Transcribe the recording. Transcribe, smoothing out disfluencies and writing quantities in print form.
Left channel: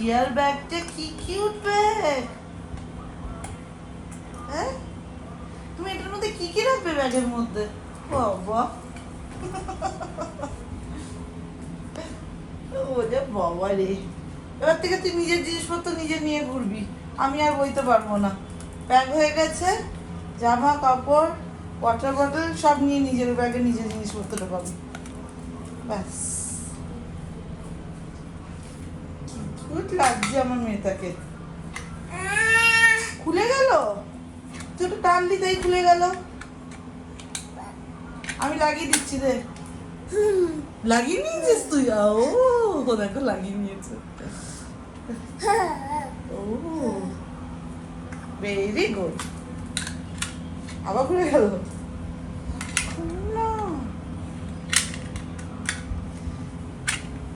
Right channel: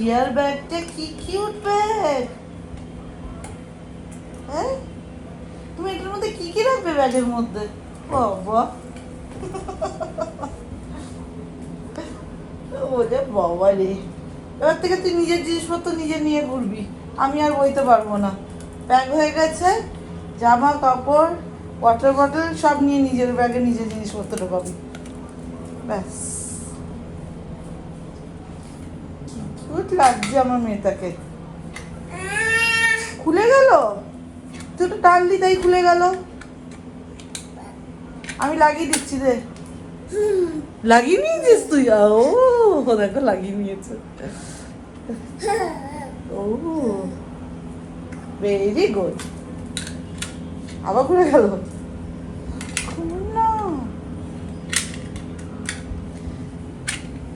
টিয়ার ব্যাগটা কি cute bag. হ্যাঁ, তুমি এটার মধ্যে কি কি রাখবে ব্যাগের মধ্যে? বাবা, ওরে বাবা রে, এবার থেকে তুই নিজের জিনিসপত্র নিজে নিয়ে ঘুরবি, আমি আর বইতে পারবো না। ব্যাগ হয়ে গেছে, জামা কাপড় ওয়াটার বটল সব নিয়ে নিজের ব্যাগে নিজের জিনিসপত্র ঢোকাবি, ব্যাস। কিউট লাগছে আমার মেয়েটাকে। খুলে গেল, তুই একটু টানলি তাই খুলে গেল। আমি লাগিয়ে দিচ্ছি রে। লাগিয়ে নিয়েছিস তুই? ও দেখো লাগিয়ে নিয়েছে। ও ভেরি গুড। আবার খুলে গেল।